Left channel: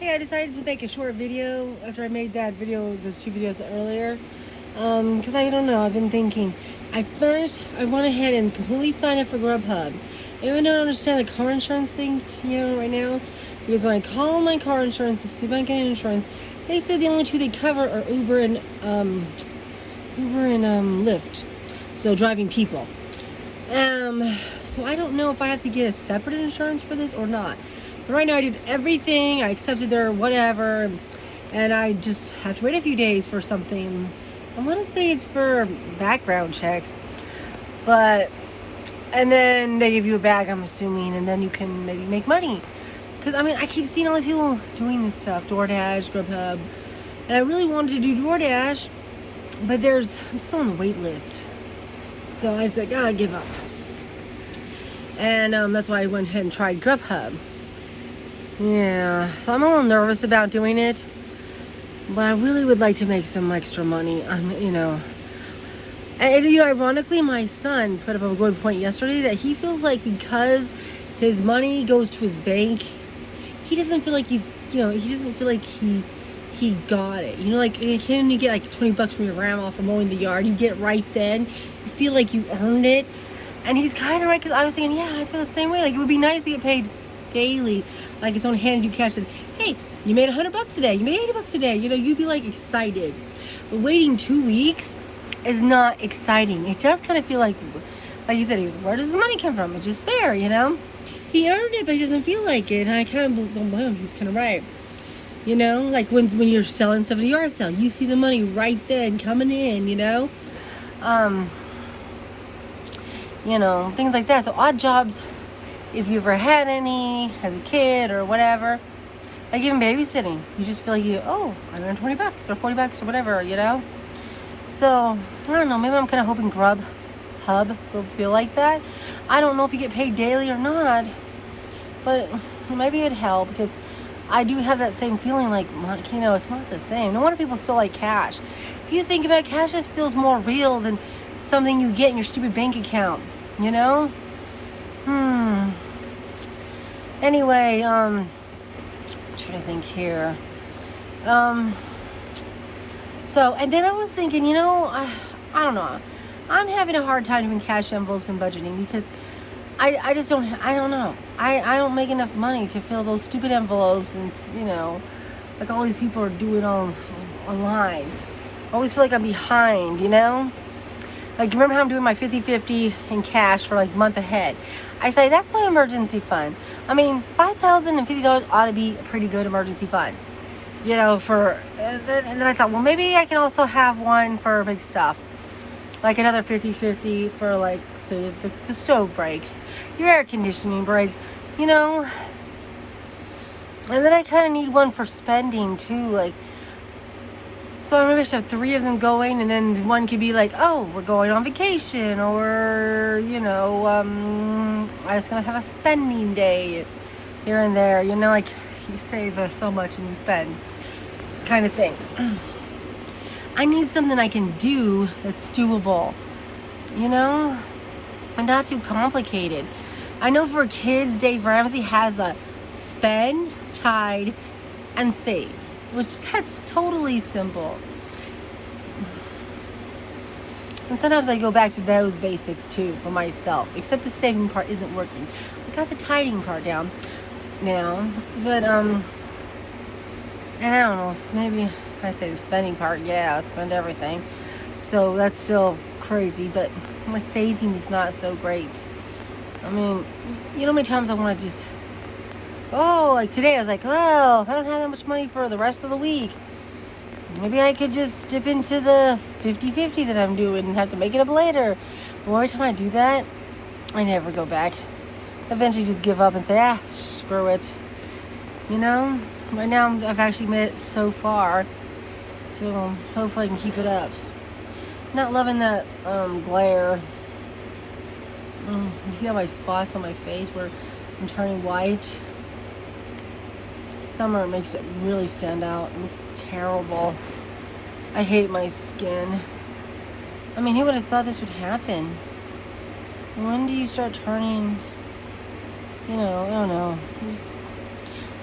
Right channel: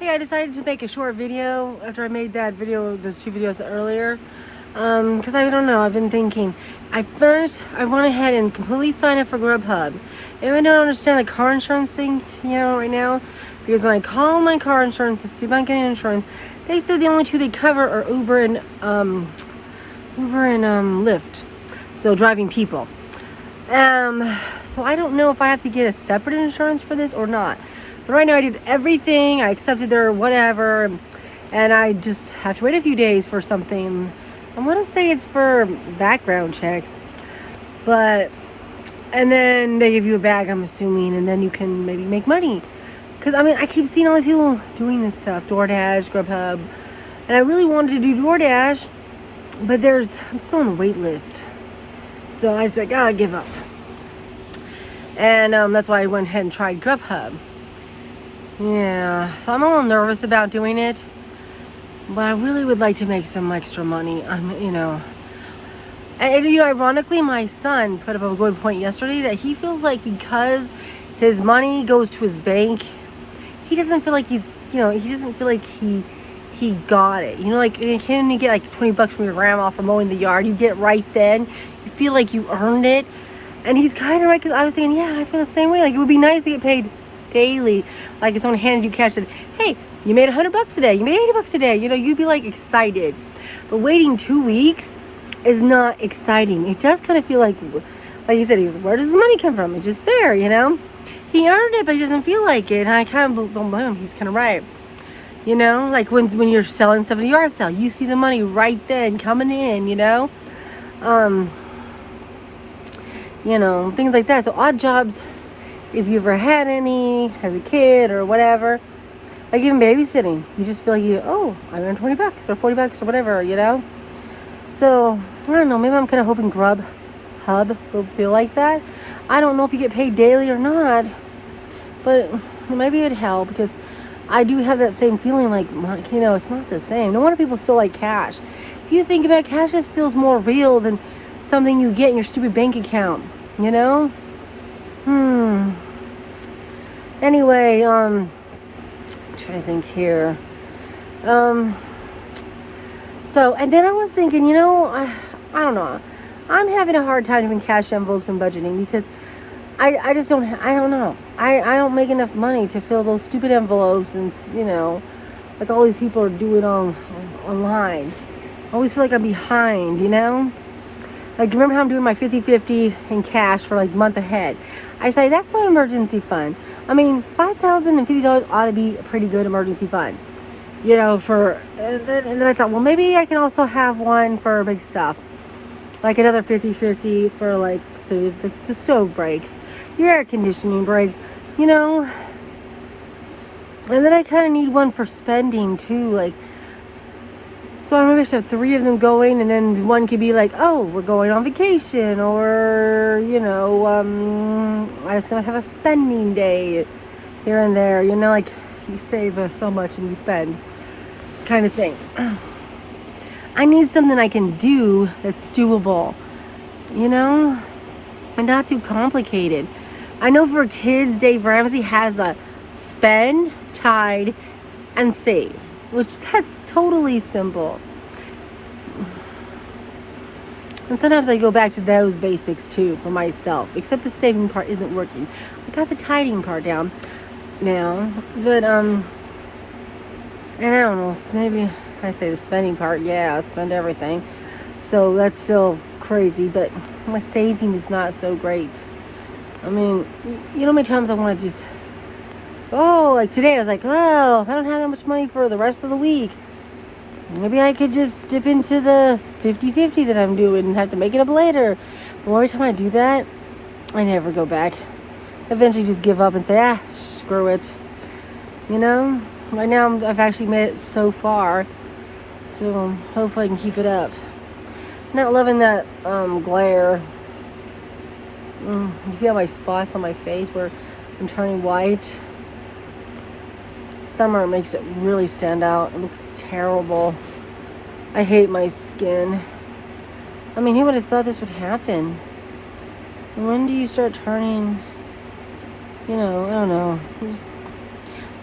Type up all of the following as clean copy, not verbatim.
Hey, I decided to make a short video after I made that video, those two videos earlier. Because I don't know, I've been thinking. I went ahead and completely signed up for Grubhub. Even though I don't understand the car insurance thing, right now. Because when I call my car insurance to see if I'm getting insurance, they said the only two they cover are Uber and Lyft. So driving people. So I don't know if I have to get a separate insurance for this or not. But right now I did everything. I accepted their whatever. And I just have to wait a few days for something. I want to say it's for background checks. And then they give you a bag, I'm assuming. And then you can maybe make money. Because, I keep seeing all these people doing this stuff. DoorDash, Grubhub. And I really wanted to do DoorDash. But I'm still on the wait list. So I was like, I'll give up. And that's why I went ahead and tried Grubhub. Yeah, so I'm a little nervous about doing it. But I really would like to make some extra money. And ironically, my son put up a good point yesterday that he feels like because his money goes to his bank, he doesn't feel like he got it. Like, can you get like $20 from your grandma for mowing the yard? You get it right then. You feel like you earned it. And he's kind of right, because I was saying, yeah, I feel the same way. Like, it would be nice to get paid daily. Like, if someone handed you cash and said, hey, you made $100 a day, you made $80 a day, you'd be like excited. But waiting 2 weeks is not exciting. It does kind of feel like he said, where does his money come from? It's just there, He earned it, but he doesn't feel like it. And I kind of don't blame him. He's kind of right. Like when you're selling stuff at a yard sale, you see the money right then coming in, things like that. So odd jobs, if you ever had any as a kid or whatever, like even babysitting, you just feel like I earned $20 or $40 or whatever, So I don't know, maybe I'm kind of hoping Grubhub will feel like that. I don't know if you get paid daily or not, but maybe it'd help, because I do have that same feeling, like, it's not the same. No wonder people still like cash. If you think about it, cash just feels more real than something you get in your stupid bank account, Anyway, I'm trying to think here. So, and then I was thinking, I don't know. I'm having a hard time doing cash envelopes and budgeting, because I just don't know. I don't make enough money to fill those stupid envelopes, and, like all these people are doing online. I always feel like I'm behind, Like, remember how I'm doing my 50-50 in cash for like a month ahead? I say, that's my emergency fund. $5,050 ought to be a pretty good emergency fund. And then I thought, well, maybe I can also have one for big stuff. Like another 50-50 for, like, so the stove breaks, your air conditioning breaks, And then I kind of need one for spending too, like, so I maybe should have 3 of them going, and then one could be like, oh, we're going on vacation, or, I just gonna have a spending day here and there, like you save so much and you spend kind of thing. I need something I can do that's doable, and not too complicated. I know for kids, Dave Ramsey has a spend, tide, and save, which that's totally simple. And sometimes I go back to those basics too for myself, except the saving part isn't working. I got the tiding part down now, but and I don't know, maybe I say the spending part, yeah, I spend everything. So that's still crazy, but my saving is not so great. How many times I want to just, like today I was like, I don't have that much money for the rest of the week. Maybe I could just dip into the 50-50 that I'm doing and have to make it up later. But every time I do that, I never go back. Eventually just give up and say, screw it. Right now I've actually made it so far. So hopefully I can keep it up. Not loving that glare. You see all my spots on my face where I'm turning white? Summer makes it really stand out. It looks terrible. I hate my skin. Who would have thought this would happen? When do you start turning, I don't know.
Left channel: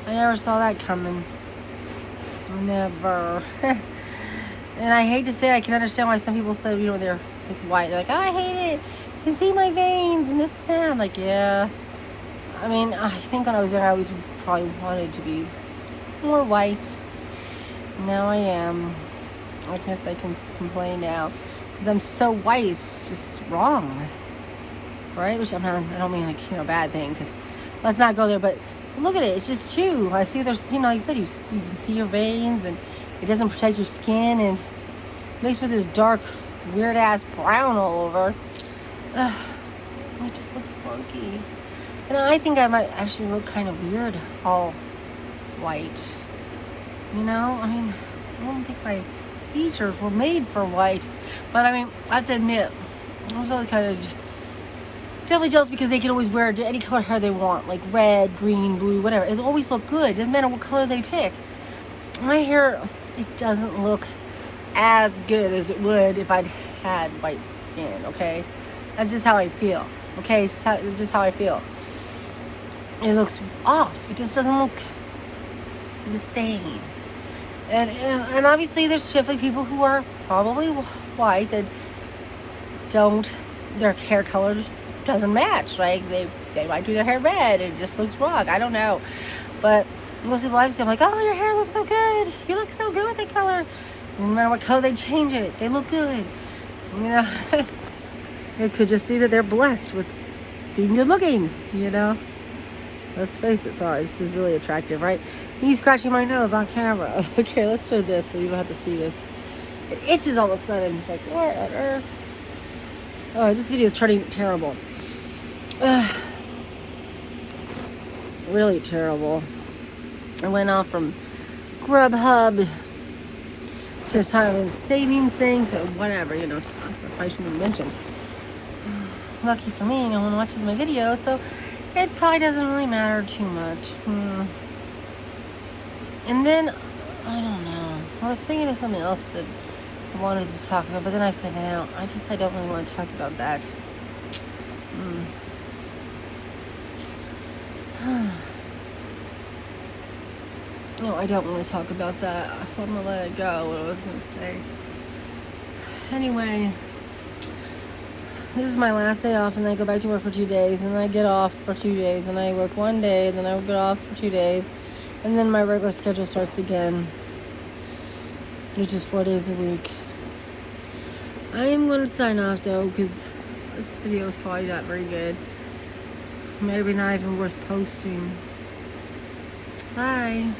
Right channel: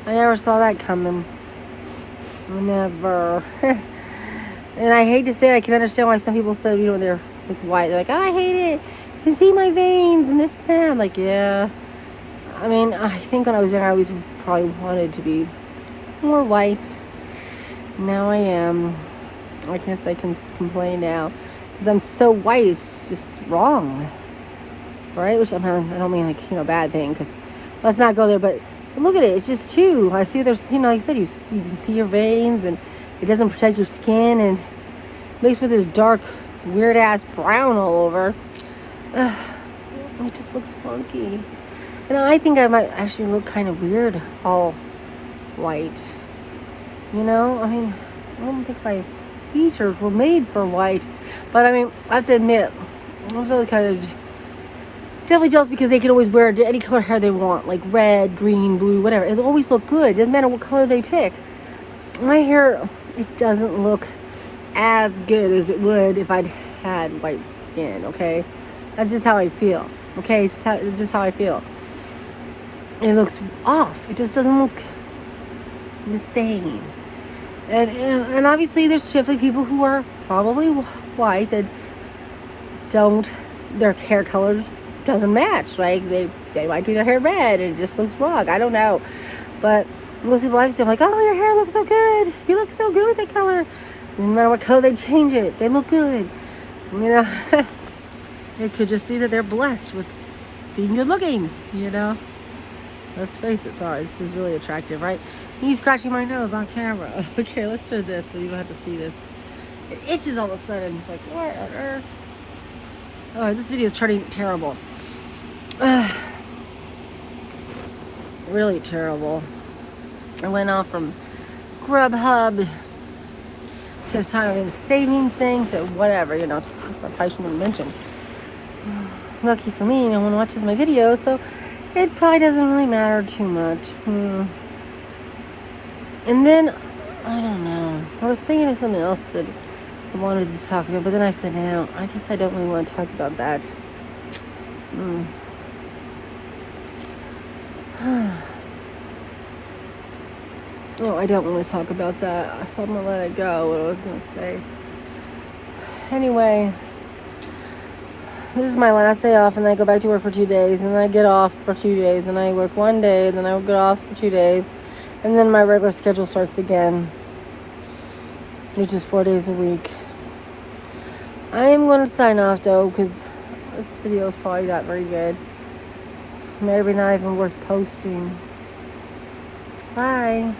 I never saw that coming. Never. And I hate to say it, I can understand why some people say, you know, when they're white, they're like, oh, I hate it. You can see my veins and this and that. I'm like, yeah. I mean, I think when I was young, I always probably wanted to be more white. Now I am. I guess I can complain now. Because I'm so white, it's just wrong. Right? Which I don't mean like, you know, bad thing, because let's not go there, but look at it, it's just two. I see there's, you know, like I said, you can see your veins, and it doesn't protect your skin, and makes me this dark, weird ass brown all over. It just looks funky. And I think I might actually look kind of weird all white. You know, I mean, I don't think my features were made for white, but I mean, I have to admit, I was really kind of definitely jealous because they can always wear any color hair they want, like red, green, blue, whatever. It'll always look good. It doesn't matter what color they pick. My hair, it doesn't look as good as it would if I'd had white skin, okay? That's just how I feel, okay? It's just how I feel. It looks off. It just doesn't look the same. And obviously there's definitely people who are probably white that don't, their hair color doesn't match. Like they might do their hair red and it just looks wrong. I don't know. But most people I see, I'm like, oh, your hair looks so good. You look so good with that color. No matter what color they change it, they look good. You know, it could just be that they're blessed with being good looking, you know. Let's face it, sorry, this is really attractive, right? Me scratching my nose on camera. Okay, let's do this so you don't have to see this. It itches all of a sudden. It's like, what on earth? Oh, this video is turning terrible. Really terrible. I went off from Grubhub to kind of a savings thing to whatever, you know, so I probably shouldn't have mentioned. Lucky for me, no one watches my videos, so it probably doesn't really matter too much. And then, I don't know, I was thinking of something else that I wanted to talk about, but then I said, no, I guess I don't really want to talk about that. No, I don't want to talk about that, so I'm going to let it go, what I was going to say. Anyway, this is my last day off, and I go back to work for 2 days, and then I get off for 2 days, and I work 1 day, then I get off for 2 days, and then my regular schedule starts again, which is 4 days a week. I am going to sign off, though, because this video is probably not very good. Maybe not even worth posting. Bye.